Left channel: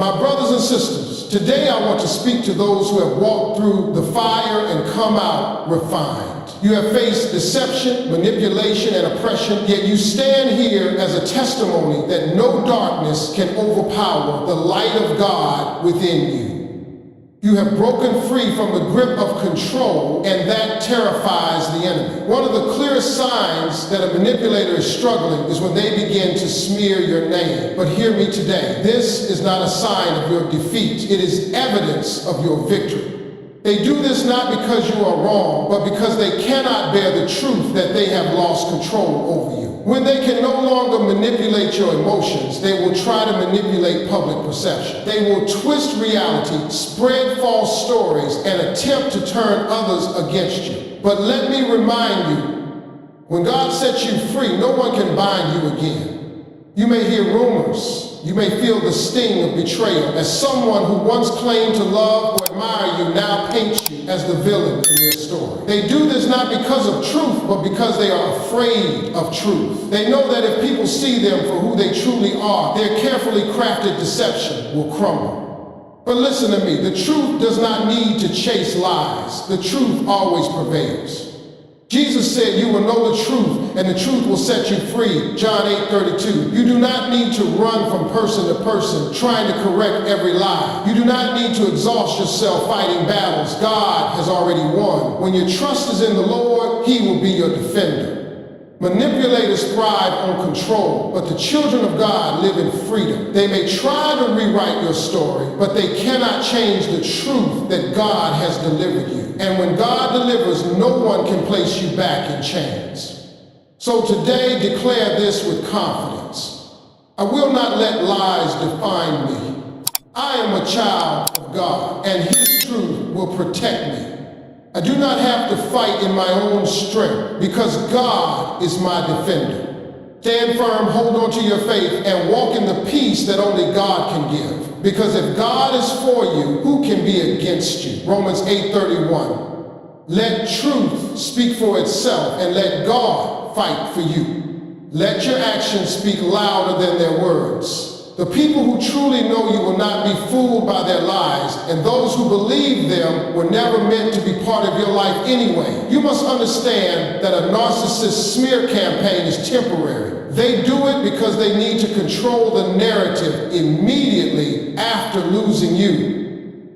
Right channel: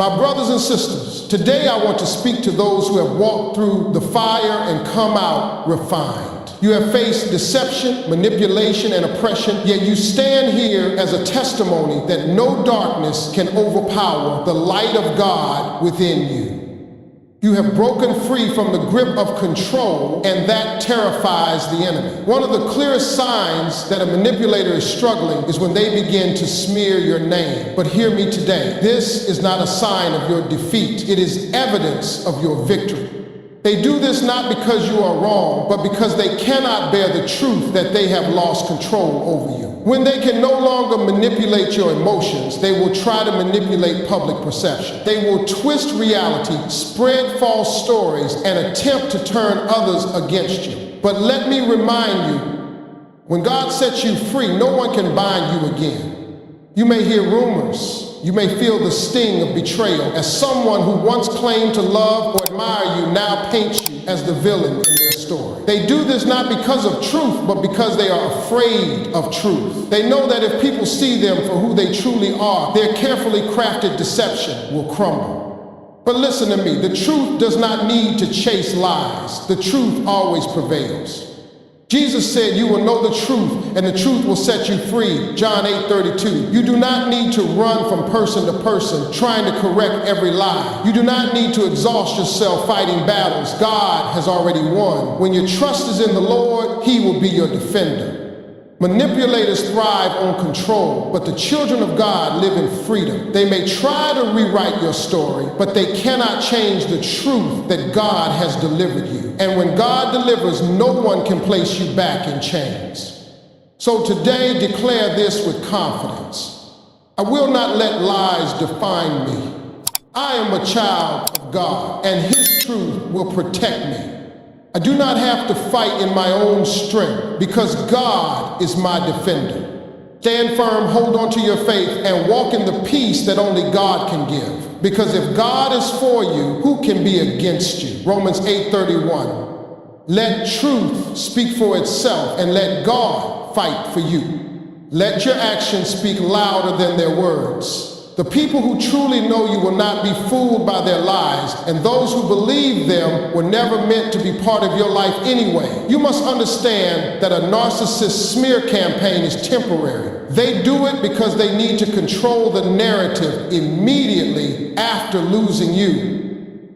My brothers and sisters, today I want to speak to those who have walked through the fire and come out refined. You have faced deception, manipulation, and oppression, yet you stand here as a testimony that no darkness can overpower the light of God within you. You have broken free from the grip of control, and that terrifies the enemy. One of the clearest signs that a manipulator is struggling is when they begin to smear your name. But hear me today, this is not a sign of your defeat. It is evidence of your victory. They do this not because you are wrong, but because they cannot bear the truth that they have lost control over you. When they can no longer manipulate your emotions, they will try to manipulate public perception. They will twist reality, spread false stories, and attempt to turn others against you. But let me remind you, when God sets you free, no one can bind you again. You may hear rumors. You may feel the sting of betrayal as someone who once claimed to love or admire you now paints you as the villain in their story. They do this not because of truth, but because they are afraid of truth. They know that if people see them for who they truly are, their carefully crafted deception will crumble. But listen to me, the truth does not need to chase lies. The truth always prevails. Jesus said, "You will know the truth, and the truth will set you free." John 8:32. You do not need to run from person to person, trying to correct every lie. You do not need to exhaust yourself fighting battles. God has already won. When your trust is in the Lord, He will be your defender. Manipulators thrive on control, but the children of God live in freedom. They may try to rewrite your story, but they cannot change the truth that God has delivered you. And when God delivers, no one can place you back in chains. So today, declare this with confidence. I will not let lies define me. I am a child of God, and His truth will protect me. I do not have to fight in my own strength because God is my defender. Stand firm, hold on to your faith, and walk in the peace that only God can give. Because if God is for you, who can be against you? Romans 8:31. Let truth speak for itself, and let God fight for you. Let your actions speak louder than their words. The people who truly know you will not be fooled by their lies, and those who believe them were never meant to be part of your life anyway. You must understand that a narcissist smear campaign is temporary. They do it because they need to control the narrative immediately after losing you.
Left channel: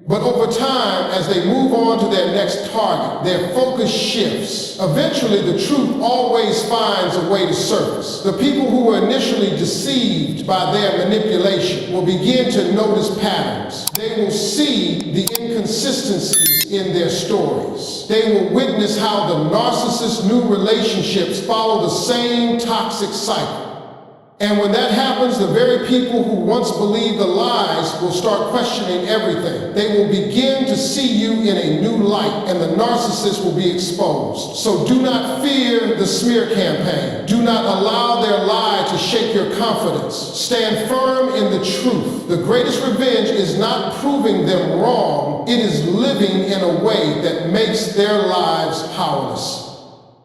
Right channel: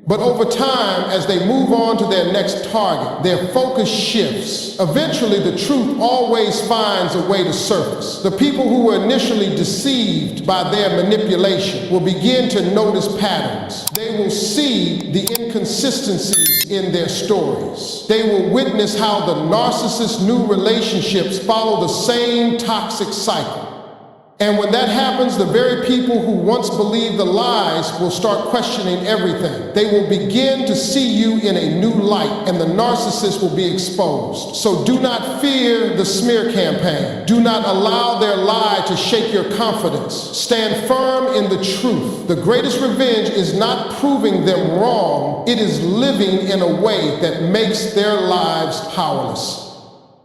But over time, as they move on to their next target, their focus shifts. Eventually, the truth always finds a way to surface. The people who were initially deceived by their manipulation will begin to notice patterns. They will see the inconsistencies in their stories. They will witness how the narcissist's new relationships follow the same toxic cycle. And when that happens, the very people who once believed the lies will start questioning everything. They will begin to see you in a new light, and the narcissist will be exposed. So do not fear the smear campaign. Do not allow their lie to shake your confidence. Stand firm in the truth. The greatest revenge is not proving them wrong. It is living in a way that makes their lives powerless.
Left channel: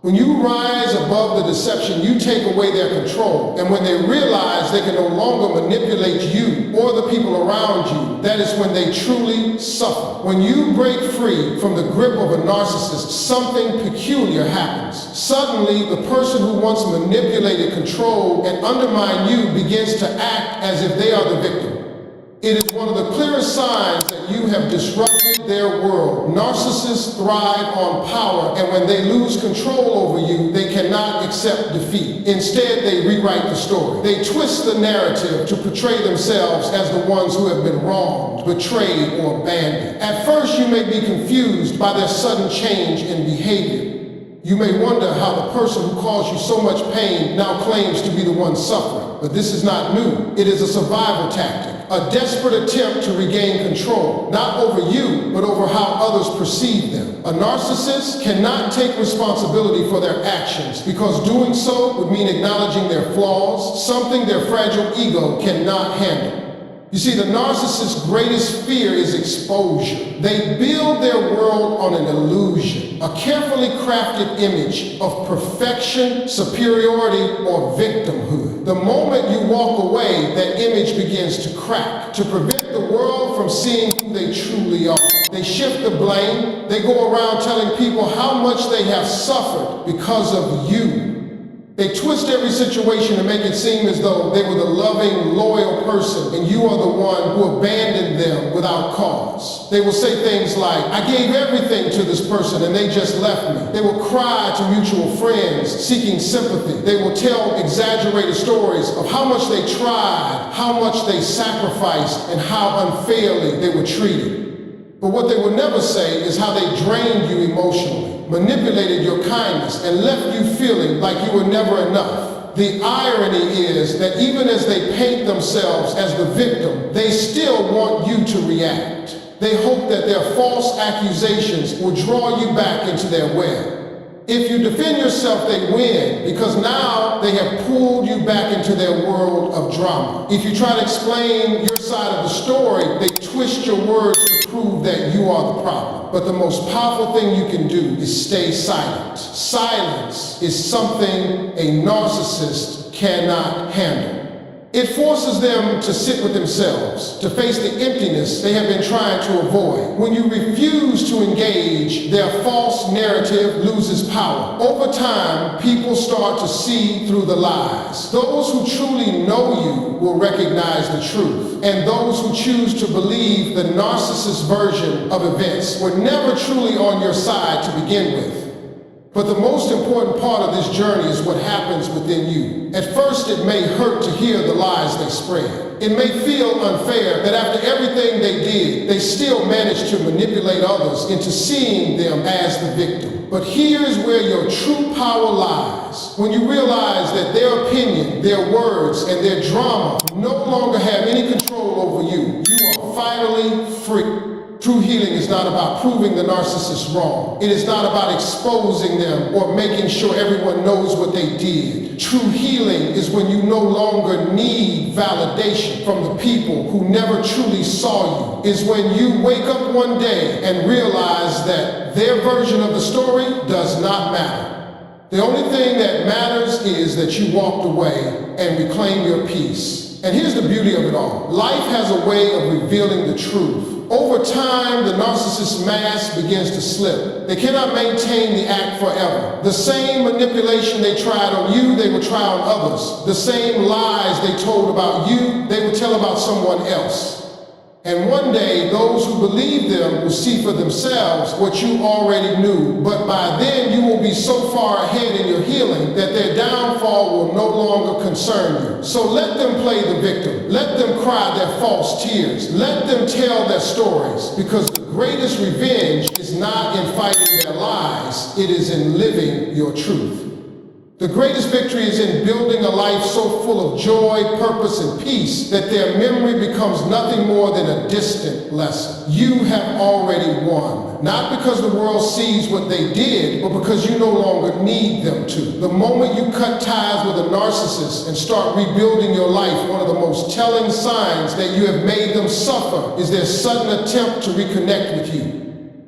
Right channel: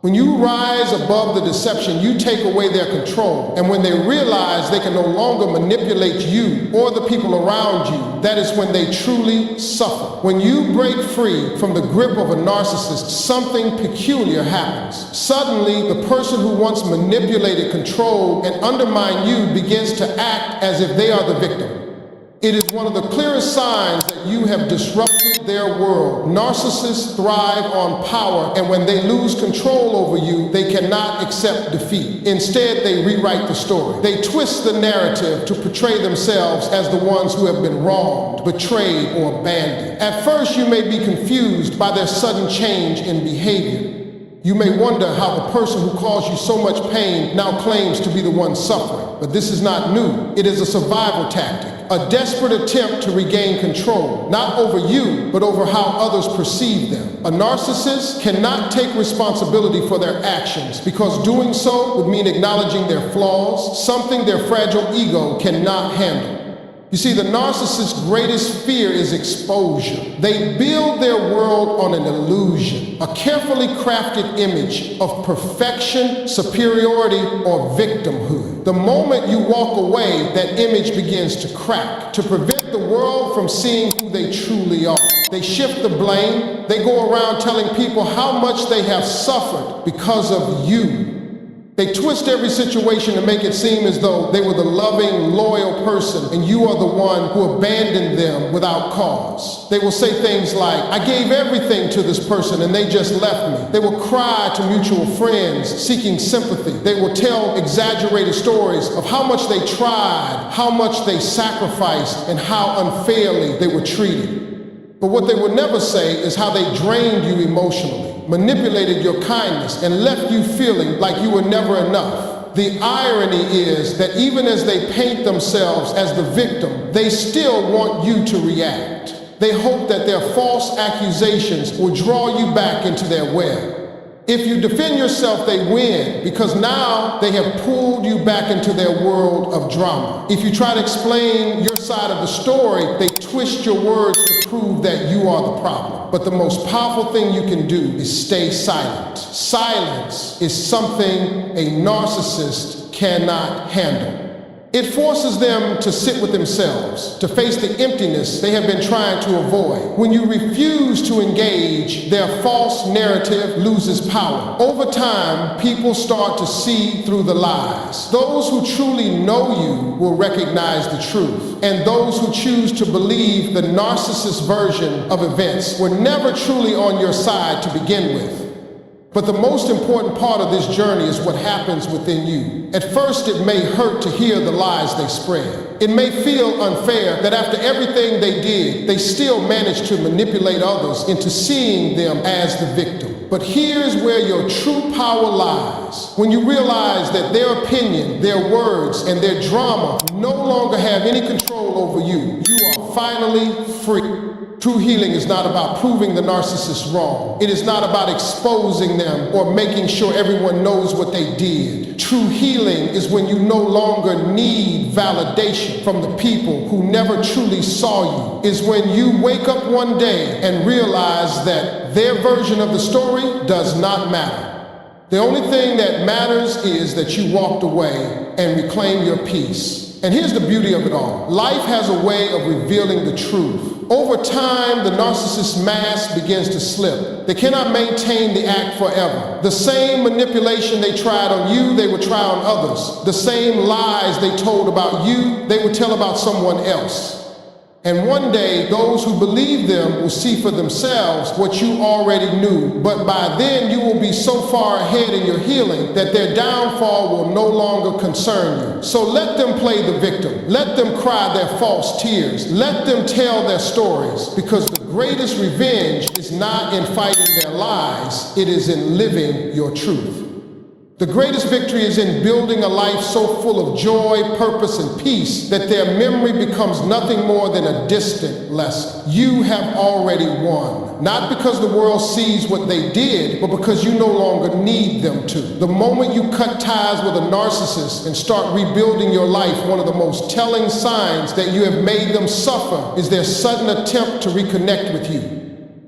When you rise above the deception, you take away their control. And when they realize they can no longer manipulate you or the people around you, that is when they truly suffer. When you break free from the grip of a narcissist, something peculiar happens. Suddenly, the person who once manipulated, controlled, and undermined you begins to act as if they are the victim. It is one of the clearest signs that you have disrupted their world. Narcissists thrive on power, and when they lose control over you, they cannot accept defeat. Instead, they rewrite the story. They twist the narrative to portray themselves as the ones who have been wronged, betrayed, or abandoned. At first, you may be confused by their sudden change in behavior. You may wonder how the person who caused you so much pain now claims to be the one suffering. But this is not new. It is a survival tactic, a desperate attempt to regain control, not over you, but over how others perceive them. A narcissist cannot take responsibility for their actions because doing so would mean acknowledging their flaws, something their fragile ego cannot handle. You see, the narcissist's greatest fear is exposure. They build their world on an illusion, a carefully crafted image of perfection, superiority, or victimhood. The moment you walk away, that image begins to crack, to prevent the world from seeing who they truly are. They shift the blame. They go around telling people how much they have suffered because of you. They twist every situation to make it seem as though they were the loving, loyal person and you are the one who abandoned them without cause. They will say things like, I gave everything to this person and they just left me. They will cry to mutual friends seeking sympathy. They will tell exaggerated stories of how much they tried, how much they sacrificed, and how unfairly they were treated. But what they will never say is how they drained you emotionally, manipulated your kindness, and left you feeling like you were never enough. The irony is that even as they paint themselves as the victim, they still want you to react. They hope that their false accusations will draw you back into their web. If you defend yourself, they win, because now they have pulled you back into their world of drama. If you try to explain your side of the story, they twist your words to prove that you are the problem. But the most powerful thing you can do is stay silent. Silence is something a narcissist cannot handle. It forces them to sit with themselves, to face the emptiness they have been trying to avoid. When you refuse to engage, their false narrative loses power. Over time, people start to see through the lies. Those who truly know you will recognize the truth, and those who choose to believe the narcissist version of events were never truly on your side to begin with. But the most important part of this journey is what happens within you. At first, it may hurt to hear the lies they spread. It may feel unfair that after everything they did, they still managed to manipulate others into seeing them as the victim. But here's where your true power lies. When you realize that their opinion, their words, and their drama no longer have any control over you, you are finally free. True healing is not about proving the narcissist wrong. It is not about exposing them or making sure everyone knows what they did. True healing is when you no longer need validation from the people who never truly saw you. Is when you wake up one day and realize that their version of the story does not matter. The only thing that matters is that you walked away and reclaimed your peace. And here's the beauty of it all. Life has a way of revealing the truth. Over time, the narcissist's mask begins to slip. They cannot maintain the act forever. The same manipulation they tried on you, they will try on others. The same lies they told about you, they will tell about someone else. And one day, those who believe them will see for themselves what you already knew. But by then, you will be so far ahead in your healing that their downfall will no longer concern you. So let them play the victim. Let them cry their false tears. Let them tell their stories. Because the greatest revenge is not in fighting their lies. It is in living your truth. The greatest victory is in building a life so full of joy, purpose, and peace that their memory becomes nothing more than a distant lesson. You have already won, not because the world sees what they did, but because you no longer need them to. The moment you cut ties with a narcissist and start rebuilding your life, one of the most telling signs that you have made them suffer is their sudden attempt to reconnect with you.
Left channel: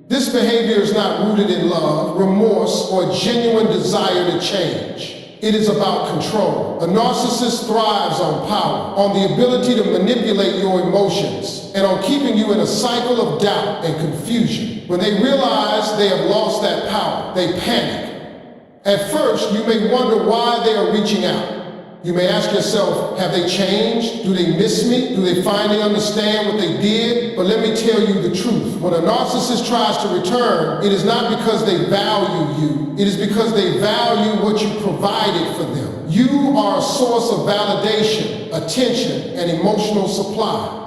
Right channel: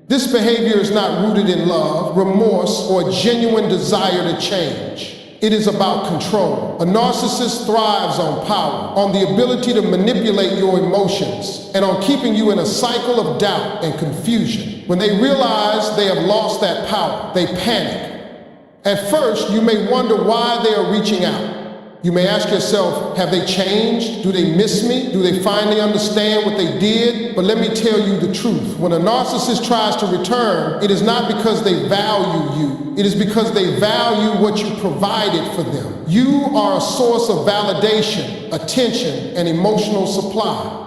This behavior is not rooted in love, remorse, or a genuine desire to change. It is about control. A narcissist thrives on power, on the ability to manipulate your emotions, and on keeping you in a cycle of doubt and confusion. When they realize they have lost that power, they panic. At first, you may wonder why they are reaching out. You may ask yourself, have they changed? Do they miss me? Do they finally understand what they did? But let me tell you the truth. When a narcissist tries to return, it is not because they value you. It is because they value what you provided for them. You are a source of validation, attention, and emotional supply.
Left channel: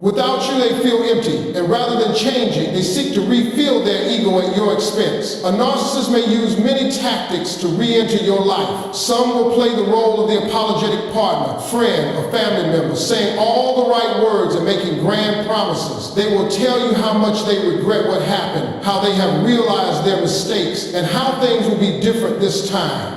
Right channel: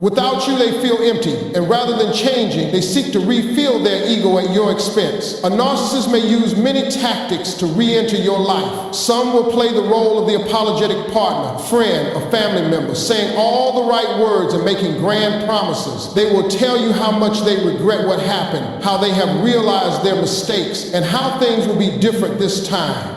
Without you, they feel empty, and rather than changing, they seek to refill their ego at your expense. A narcissist may use many tactics to re-enter your life. Some will play the role of the apologetic partner, friend, or family member, saying all the right words and making grand promises. They will tell you how much they regret what happened, how they have realized their mistakes, and how things will be different this time.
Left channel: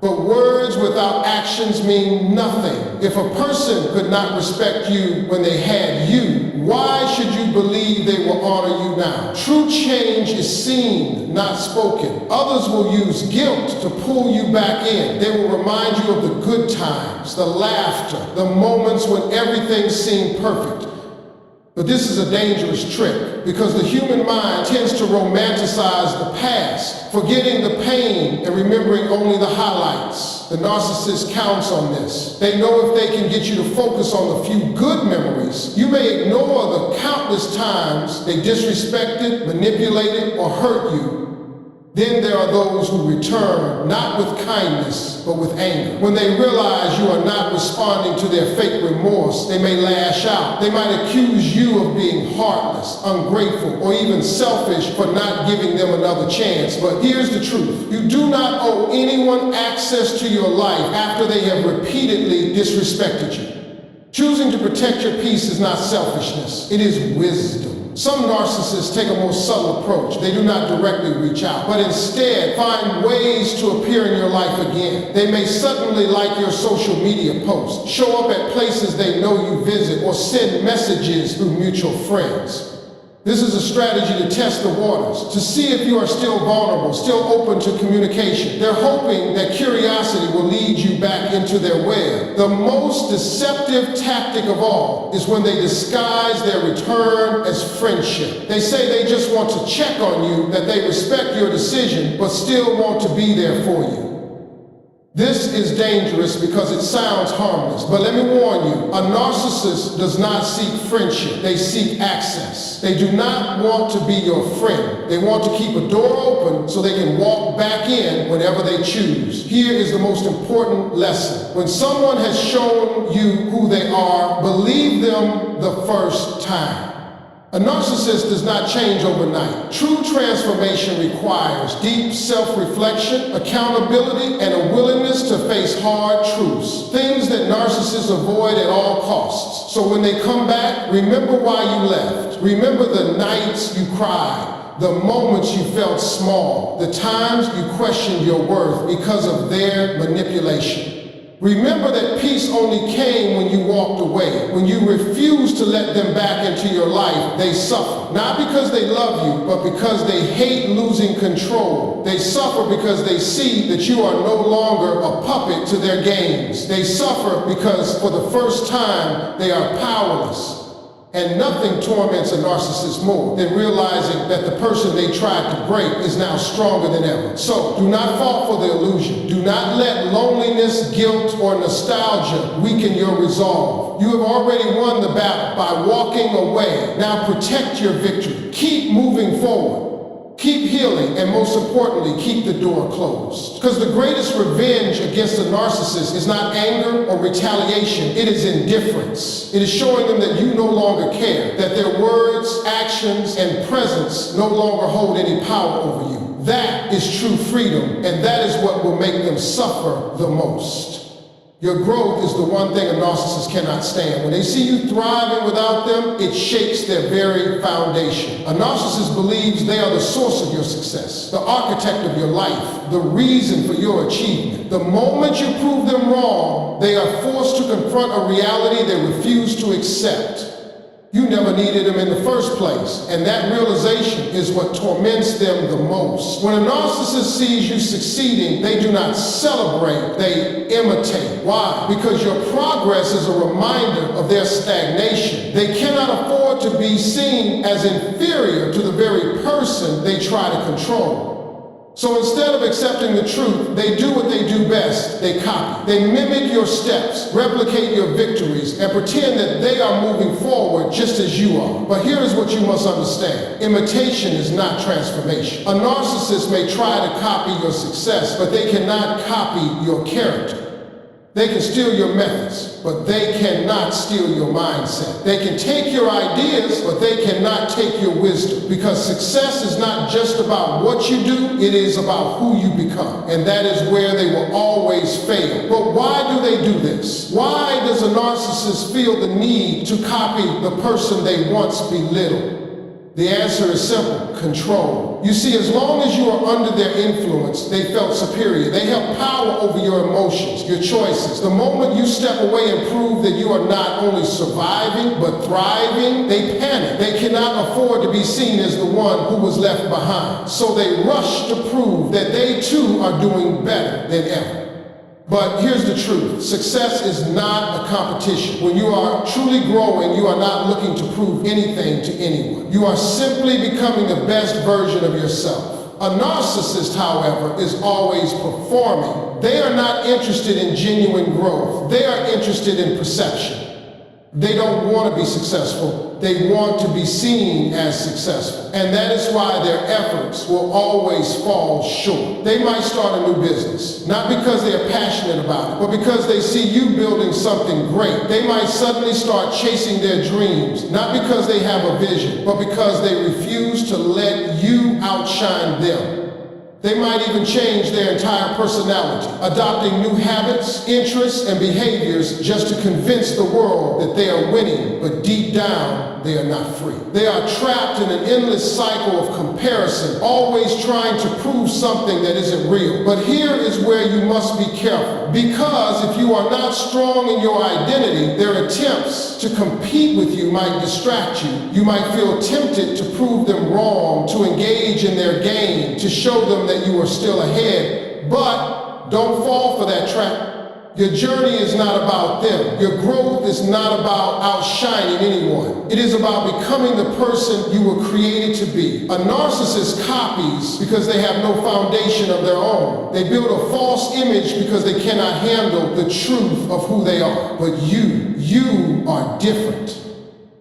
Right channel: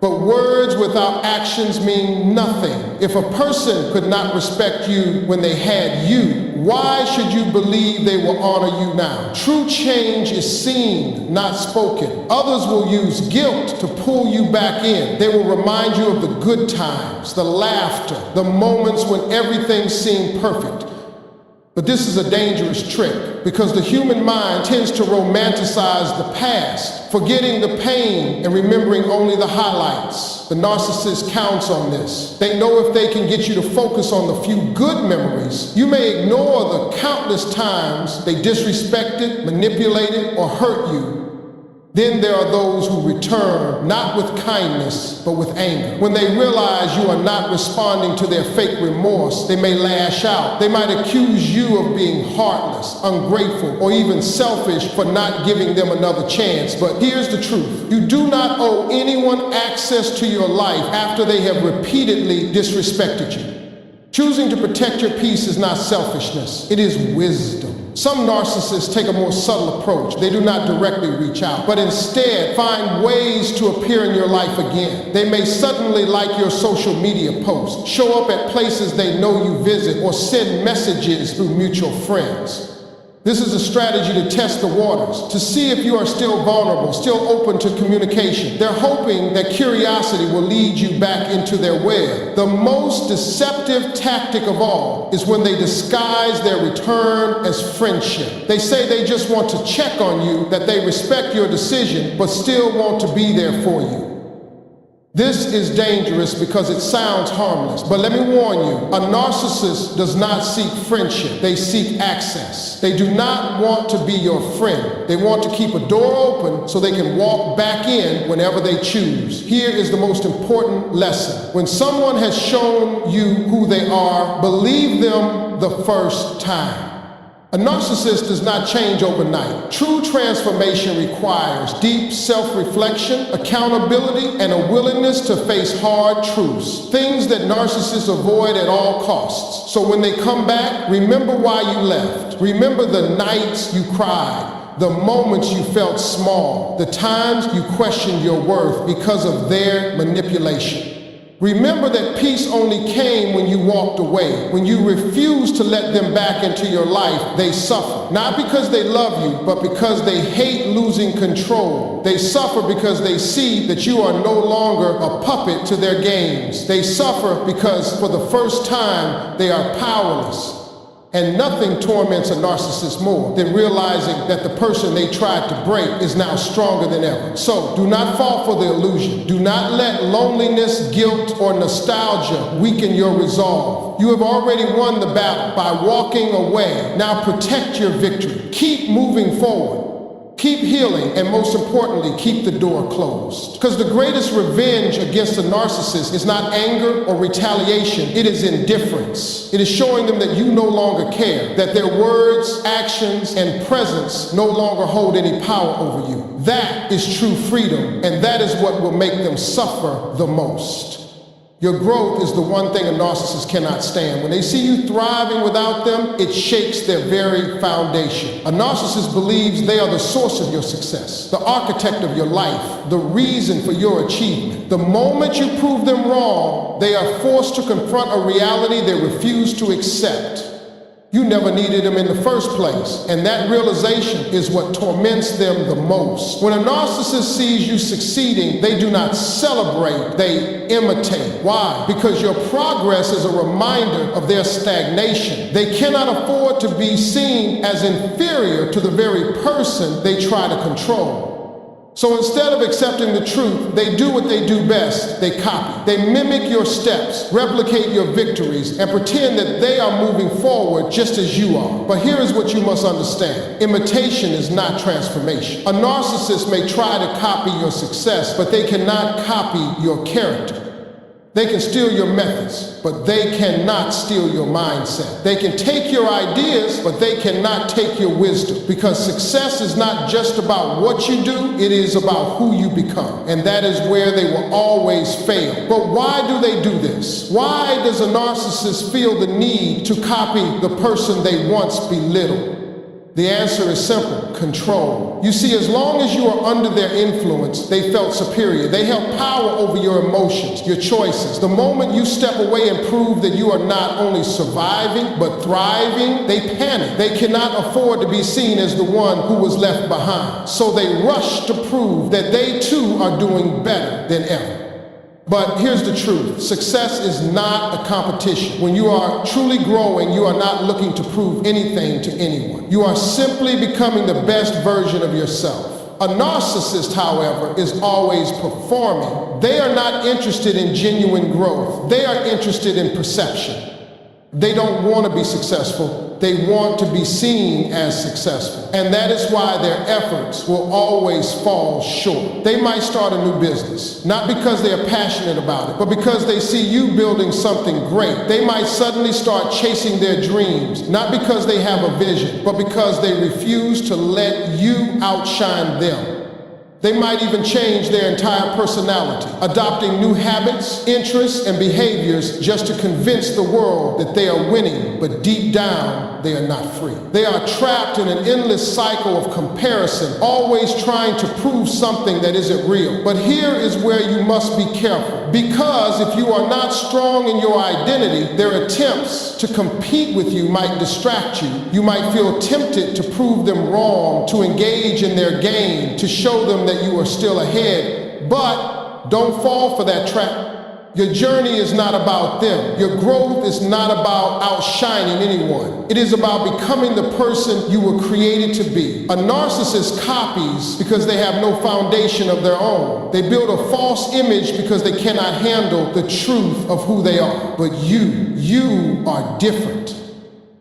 But words without actions mean nothing. If a person could not respect you when they had you, why should you believe they will honor you now? True change is seen, not spoken. Others will use guilt to pull you back in. They will remind you of the good times, the laughter, the moments when everything seemed perfect. But this is a dangerous trick because the human mind tends to romanticize the past, forgetting the pain and remembering only the highlights. The narcissist counts on this. They know if they can get you to focus on the few good memories, you may ignore the countless times they disrespected, manipulated, or hurt you. Then there are those who return, not with kindness, but with anger. When they realize you are not responding to their fake remorse, they may lash out. They might accuse you of being heartless, ungrateful, or even selfish for not giving them another chance. But here's the truth. You do not owe anyone access to your life after they have repeatedly disrespected you. Choosing to protect your peace is not selfishness, it is wisdom. Some narcissists take a more subtle approach. They do not directly reach out, but instead find ways to appear in your life again. They may suddenly like your social media posts, show up at places they know you visit, or send messages through mutual friends. This is a strategy to test the waters, to see if you are still vulnerable, still open to communication. They're hoping that curiosity will lead you back into their web. The most deceptive tactic of all is when they disguise their return as friendship. They say they just want to check on you, that they respect your decision, but still want to be there for you. This is dangerous because it sounds harmless, but let me warn you, a narcissist does not seek friendship, they seek access. They do not want to be your friend. They want to keep a door open so they can walk back in whenever they choose. Here is the most important lesson. When someone has shown you who they are, believe them the first time. A narcissist does not change overnight. True transformation requires deep self-reflection, accountability, and a willingness to face hard truths, things that narcissists avoid at all costs. So when they come back, remember why you left. Remember the nights you cried, the moments you felt small, the times you questioned your worth because of their manipulation. Remember that peace only came when you walked away. When you refused to let them back into your life, they suffer. Not because they love you, but because they hate losing control. They suffer because they see that you are no longer a puppet to their games. They suffer because for the first time, they are powerless. And nothing torments a narcissist more than realizing that the person they tried to break is now stronger than ever. So do not fall for the illusion. Do not let loneliness, guilt, or nostalgia weaken your resolve. You have already won the battle by walking away. Now protect your victory. Keep moving forward. Keep healing, and most importantly, keep the door closed. Because the greatest revenge against a narcissist is not anger or retaliation, it is indifference. It is showing them that you no longer care, that their words, actions, and presence no longer hold any power over you. That is true freedom, and that is what will make them suffer the most. Your growth is the one thing a narcissist cannot stand. When they see you thriving without them, it shakes their very foundation. A narcissist believes they are the source of your success, the architect of your life, the reason for your achievement. The moment you prove them wrong, they are forced to confront a reality they refuse to accept. You never needed them in the first place, and that realization is what torments them the most. When a narcissist sees you succeeding, they do not celebrate, they imitate. Why? Because your progress is a reminder of their stagnation. They cannot afford to be seen as inferior to the very person they try to control. So instead of accepting the truth, they do what they do best, they copy. They mimic your steps, replicate your victories, and pretend that they are moving forward just as you are. But here is what you must understand. Imitation is not transformation. A narcissist may try to copy your success, but they cannot copy your character. They can steal your methods, but they cannot steal your mindset. They can take your ideas, but they cannot take your wisdom. Because success is not just about what you do, it is about who you become. And that is where they will always fail. But why do they do this? Why does a narcissist feel the need to copy the person they once belittled? The answer is simple: control. You see, as long as you are under their influence, they felt superior. They held power over your emotions, your choices. The moment you step away and prove that you are not only surviving, but thriving, they panic. They cannot afford to be seen as the one who was left behind. So they rush to prove that they too are doing better than ever. But here's the truth: success is not a competition. When you are truly growing, you are not looking to prove anything to anyone. You are simply becoming the best version of yourself. A narcissist, however, is always performing. They are not interested in genuine growth. They are interested in perception. They don't want to be successful. They want to be seen as successful. And that is why their efforts will always fall short. They might start a new business, not because they are passionate about it, but because they see you building something great. They might suddenly start chasing their dreams, not because they have a vision, but because they refuse to let you outshine them. They might even change their entire personality, adopting new habits, interests, and behaviors just to convince the world that they are winning, but deep down, they are not free. They are trapped in an endless cycle of comparison, always trying to prove something that isn't real. But here is where you must be careful, because if you are not strong in your identity, their attempts to compete with you might distract you. You might feel tempted to prove them wrong, to engage in their game, to show them that you are still ahead. But don't fall for that trap. Your journey is not about them. Your growth is not about outshining anyone. It is about becoming the person you were created to be. A narcissist copies because they have no foundation of their own. They build a false image because they cannot handle the truth of who they are. But you are different.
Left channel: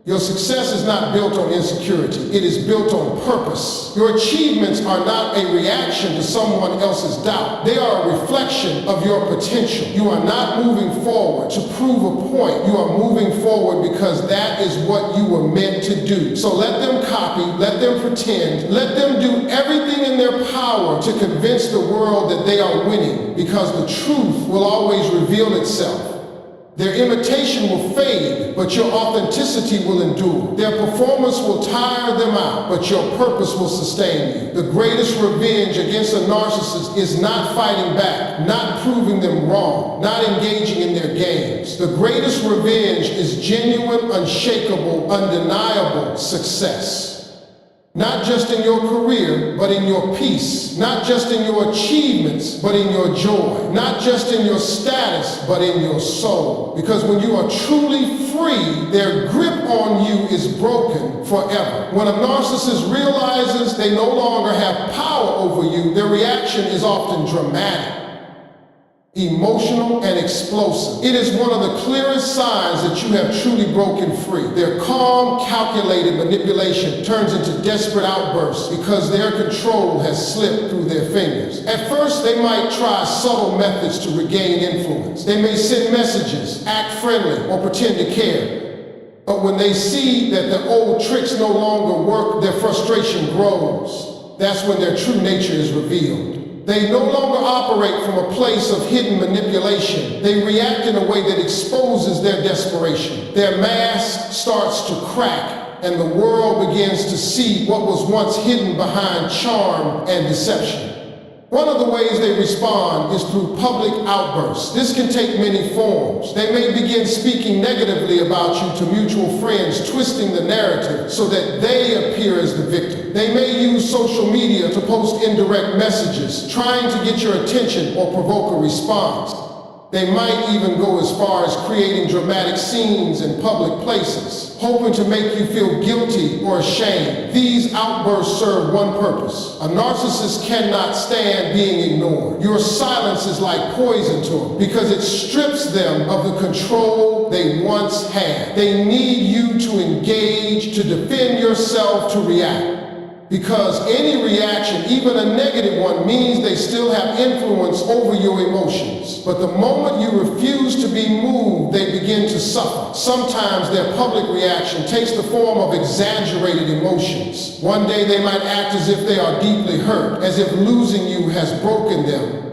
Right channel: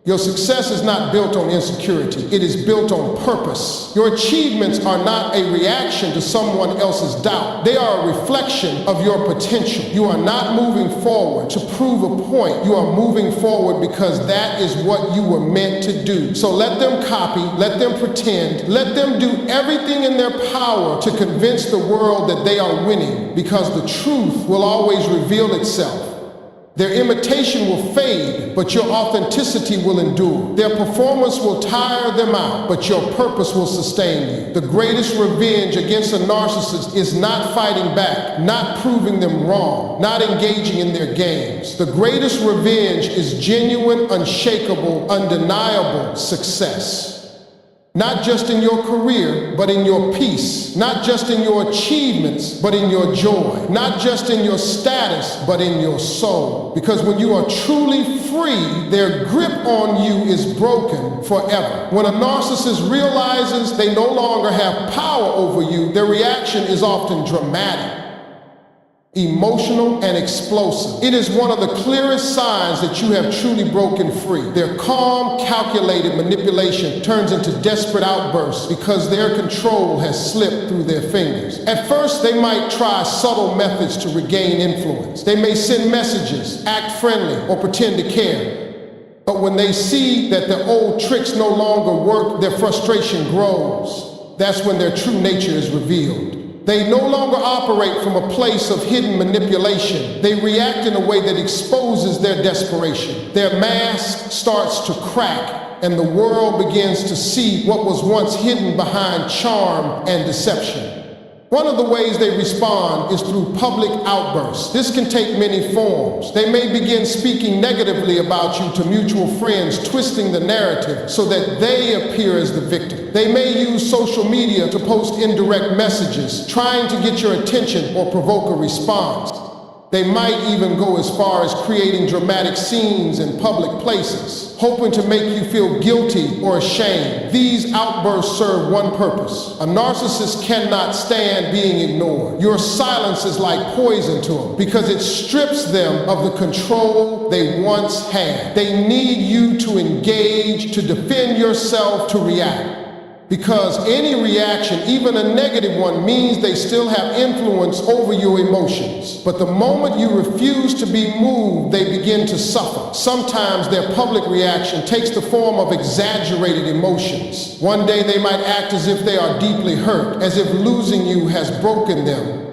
Your success is not built on insecurity. It is built on purpose. Your achievements are not a reaction to someone else's doubt. They are a reflection of your potential. You are not moving forward to prove a point. You are moving forward because that is what you were meant to do. So let them copy, let them pretend, let them do everything in their power to convince the world that they are winning, because the truth will always reveal itself. Their imitation will fade, but your authenticity will endure. Their performance will tire them out, but your purpose will sustain you. The greatest revenge against a narcissist is not fighting back, not proving them wrong, not engaging in their games. The greatest revenge is genuine, unshakable, undeniable success. Not just in your career, but in your peace. Not just in your achievements, but in your joy. Not just in your status, but in your soul. Because when you are truly free, their grip on you is broken forever. When a narcissist realizes they no longer have power over you, their reaction is often dramatic, emotional, and explosive. It is one of the clearest signs that you have truly broken free. Their calm, calculated manipulation turns into desperate outbursts because their control has slipped through their fingers. At first, they might try subtle methods to regain influence. They may send messages, act friendly, or pretend to care. But when they see that the old tricks no longer work, their frustration grows. That's when their true nature is revealed. They no longer operate from a place of hidden manipulation. They react in a way that exposes their desperation. Their mask starts to crack, and the world begins to see what was once hidden behind charm and deception. One of the ways they respond is through public outbursts. This can take many forms. They may begin speaking negatively about you to mutual friends, twisting the narrative so that they appear as the victim. They may use social media to post indirect messages, trying to get your attention or provoke a response. They might even go as far as creating dramatic scenes in public places, hoping to make you feel guilty or ashamed. These outbursts serve one purpose. A narcissist cannot stand being ignored. Your silence is like poison to them because it strips them of the control they once had. They need you to engage, to defend yourself, to react. Because any reaction, even a negative one, means they still have influence over your emotions. But the moment you refuse to be moved, they begin to suffer. Sometimes their public reaction takes the form of exaggerated emotions. One day they might act as if they are deeply hurt, as if losing you has broken them.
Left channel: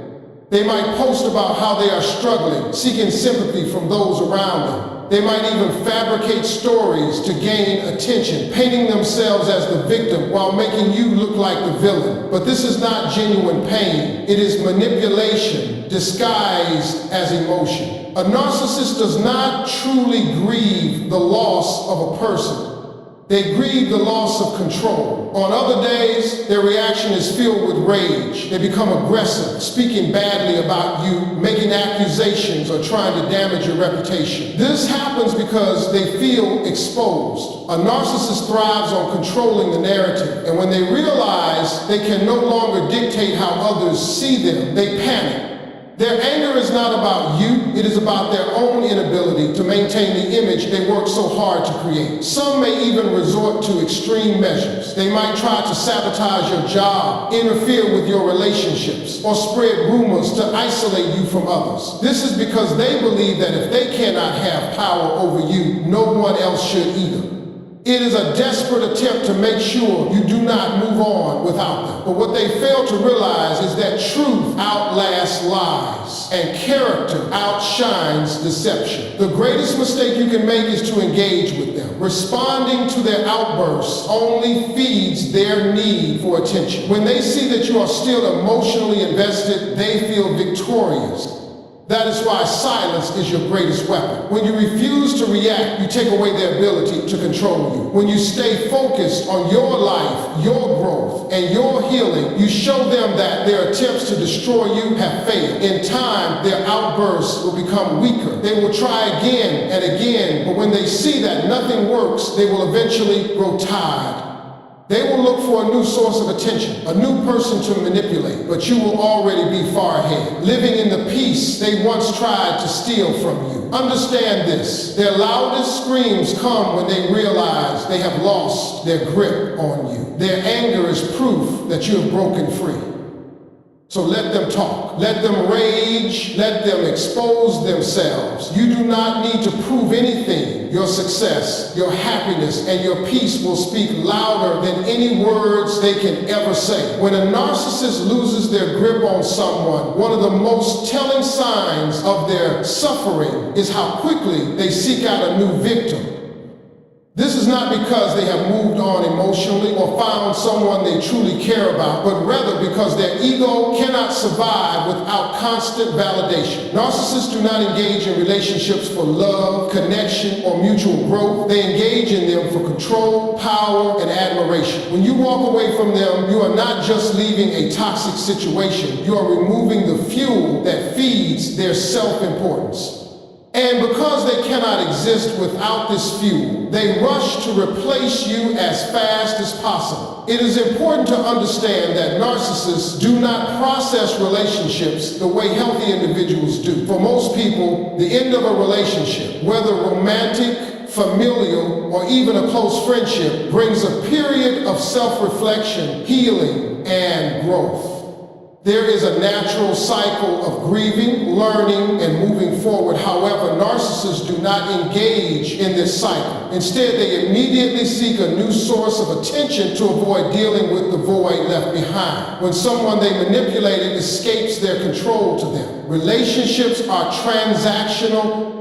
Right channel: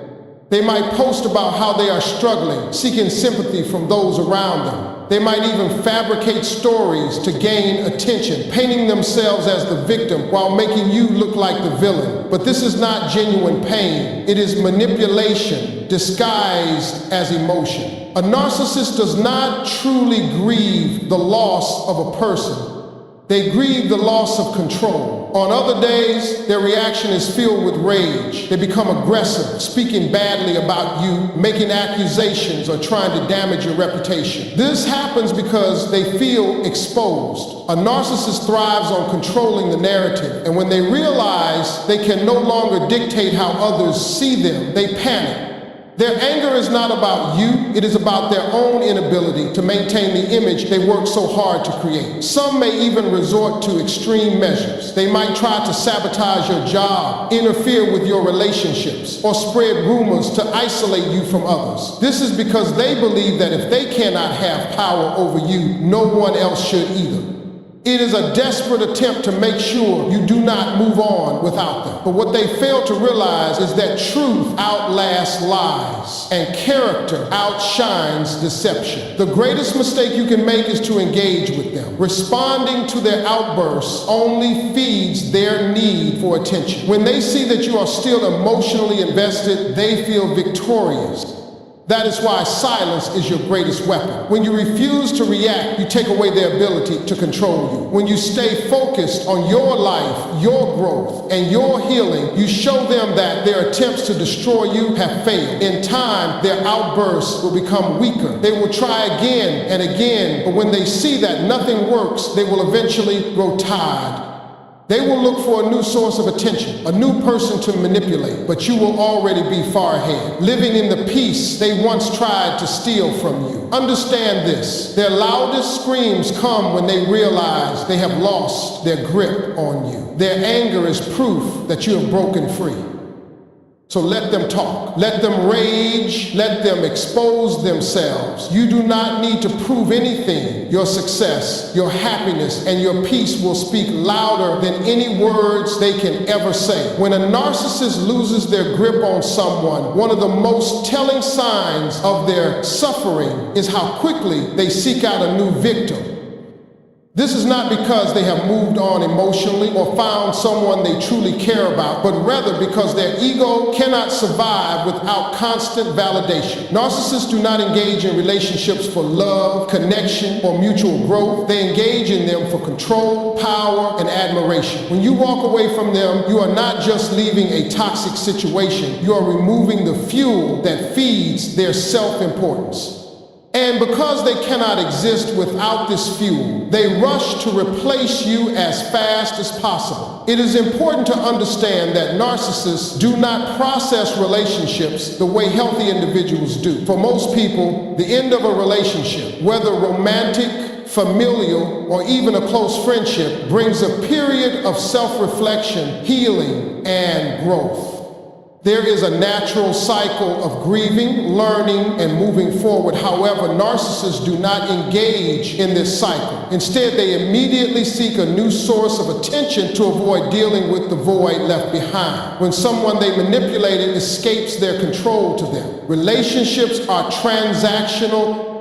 They might post about how they are struggling, seeking sympathy from those around them. They might even fabricate stories to gain attention, painting themselves as the victim while making you look like the villain. But this is not genuine pain. It is manipulation disguised as emotion. A narcissist does not truly grieve the loss of a person. They grieve the loss of control. On other days, their reaction is filled with rage. They become aggressive, speaking badly about you, making accusations, or trying to damage your reputation. This happens because they feel exposed. A narcissist thrives on controlling the narrative, and when they realize they can no longer dictate how others see them, they panic. Their anger is not about you, it is about their own inability to maintain the image they work so hard to create. Some may even resort to extreme measures. They might try to sabotage your job, interfere with your relationships, or spread rumors to isolate you from others. This is because they believe that if they cannot have power over you, no one else should either. It is a desperate attempt to make sure you do not move on without them. But what they fail to realize is that truth outlasts lies and character outshines deception. The greatest mistake you can make is to engage with them. Responding to their outbursts only feeds their need for attention. When they see that you are still emotionally invested, they feel victorious. That is why silence is your greatest weapon. When you refuse to react, you take away their ability to control you. When you stay focused on your life, your growth, and your healing, you show them that their attempts to destroy you have failed. In time, their outbursts will become weaker. They will try again and again, but when they see that nothing works, they will eventually grow tired. They will look for a new source of attention, a new person to manipulate, but you will already be far ahead, living in the peace they once tried to steal from you. Understand this, their loudest screams come when they realize they have lost their grip on you. Their anger is proof that you have broken free. So let them talk, let them rage, let them expose themselves. You do not need to prove anything. Your success, your happiness, and your peace will speak louder than any words they can ever say. When a narcissist loses their grip on someone, one of the most telling signs of their suffering is how quickly they seek out a new victim. This is not because they have moved on emotionally or found someone they truly care about, but rather because their ego cannot survive without constant validation. Narcissists do not engage in relationships for love, connection, or mutual growth. They engage in them for control, power, and admiration. When you walk away from them, you are not just leaving a toxic situation, you are removing the fuel that feeds their self-importance. And because they cannot exist without this fuel, they rush to replace you as fast as possible. It is important to understand that narcissists do not process relationships the way healthy individuals do. For most people, the end of a relationship, whether romantic, familial, or even a close friendship, brings a period of self-reflection, healing, and growth. There is a natural cycle of grieving, learning, and moving forward. However, narcissists do not engage in this cycle. Instead, they immediately seek a new source of attention to avoid dealing with the void left behind. When someone they manipulated escapes their control to them. Relationships are transactional.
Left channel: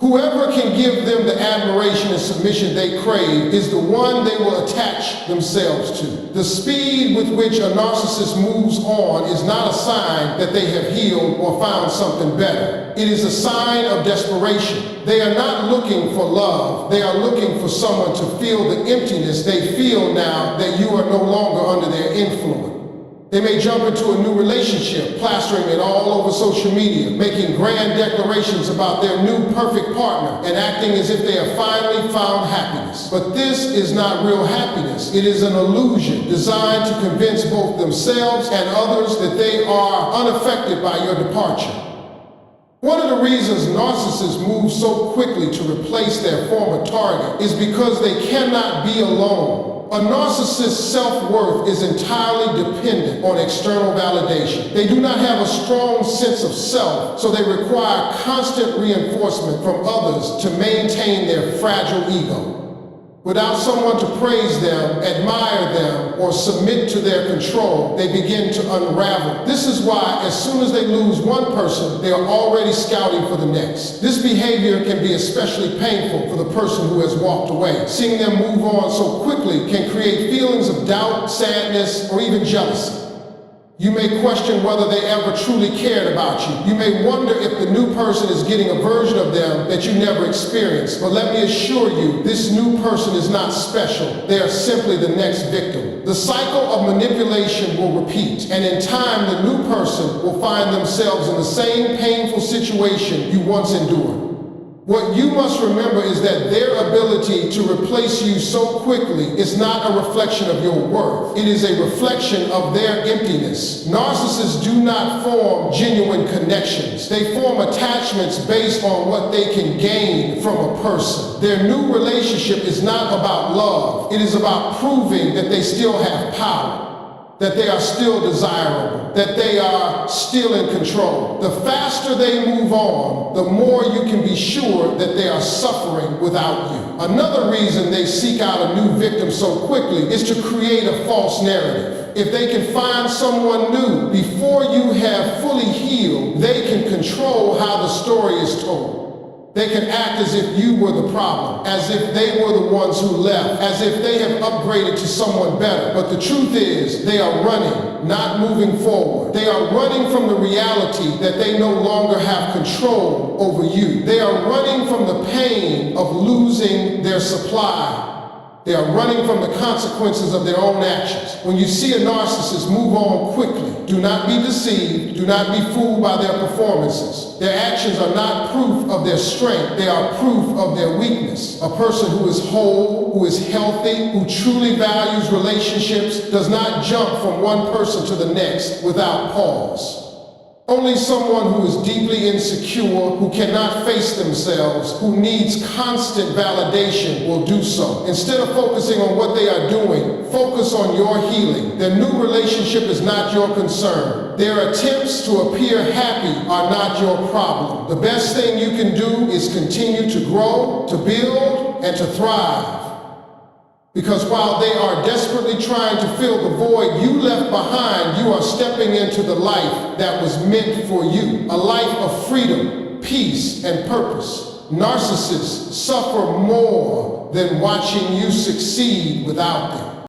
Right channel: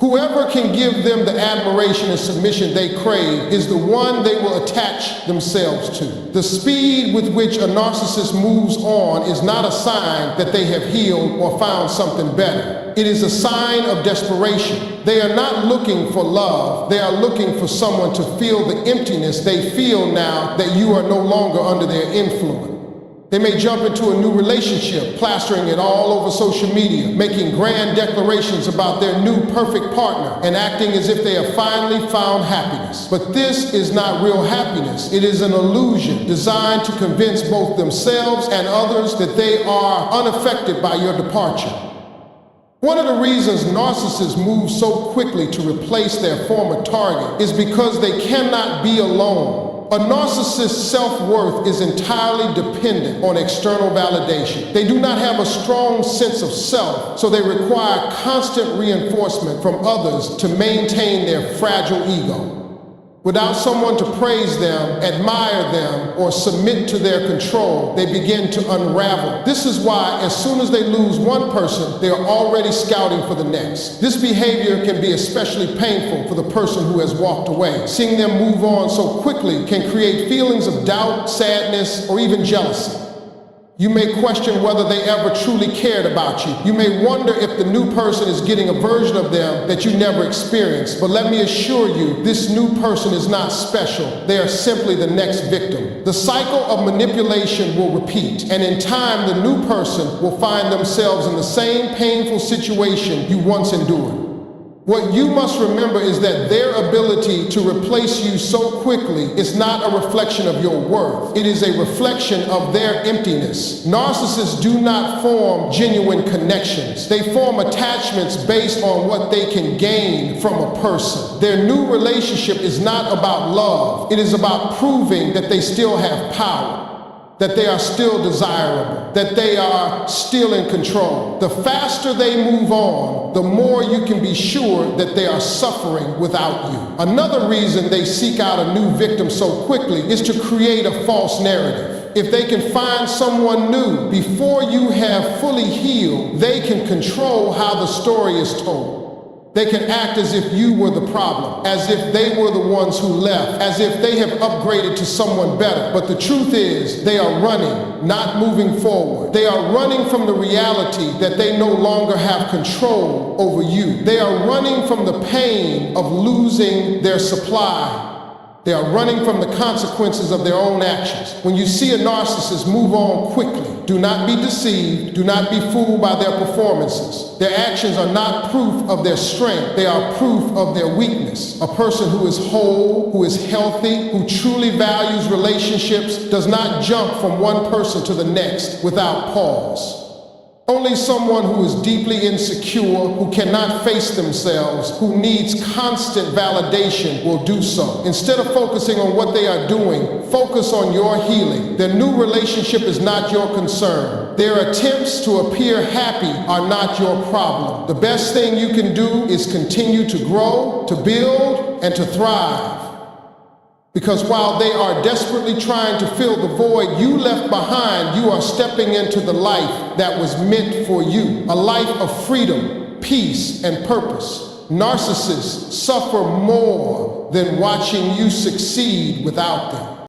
Whoever can give them the admiration and submission they crave is the one they will attach themselves to. The speed with which a narcissist moves on is not a sign that they have healed or found something better. It is a sign of desperation. They are not looking for love. They are looking for someone to fill the emptiness they feel now that you are no longer under their influence. They may jump into a new relationship, plastering it all over social media, making grand declarations about their new perfect partner, and acting as if they have finally found happiness. But this is not real happiness. It is an illusion designed to convince both themselves and others that they are unaffected by your departure. One of the reasons narcissists move so quickly to replace their former target is because they cannot be alone. A narcissist's self-worth is entirely dependent on external validation. They do not have a strong sense of self, so they require constant reinforcement from others to maintain their fragile ego. Without someone to praise them, admire them, or submit to their control, they begin to unravel. This is why, as soon as they lose one person, they are already scouting for the next. This behavior can be especially painful for the person who has walked away. Seeing them move on so quickly can create feelings of doubt, sadness, or even jealousy. You may question whether they ever truly cared about you. You may wonder if the new person is getting a version of them that you never experienced. But let me assure you, this new person is not special. They are simply the next victim. The cycle of manipulation will repeat, and in time, the new person will find themselves in the same painful situation you once endured. What you must remember is that their ability to replace you so quickly is not a reflection of your worth. It is a reflection of their emptiness. Narcissists do not form genuine connections. They form attachments based on what they can gain from a person. Their new relationship is not about love. It is about proving that they still have power, that they are still desirable, that they are still in control. The faster they move on, the more you can be sure that they are suffering without you. Another reason they seek out a new victim so quickly is to create a false narrative. If they can find someone new before you have fully healed, they can control how the story is told. They can act as if you were the problem, as if they were the ones who left, as if they have upgraded to someone better. But the truth is, they are running, not moving forward. They are running from the reality that they no longer have control over you. They are running from the pain of losing their supply. They are running from the consequences of their own actions. When you see a narcissist move on quickly, do not be deceived, do not be fooled by their performances. Their actions are not proof of their strength, they are proof of their weakness. A person who is whole, who is healthy, who truly values relationships, does not jump from one person to the next without pause. Only someone who is deeply insecure, who cannot face themselves, who needs constant validation will do so. Instead of focusing on what they are doing, focus on your healing. Their new relationship is not your concern. Their attempts to appear happy are not your problem. The best thing you can do is continue to grow, to build, and to thrive. Because while they are desperately trying to fill the void you left behind, you are stepping into the life that was meant for you. A life of freedom, peace, and purpose. Narcissists suffer more than watching you succeed without them.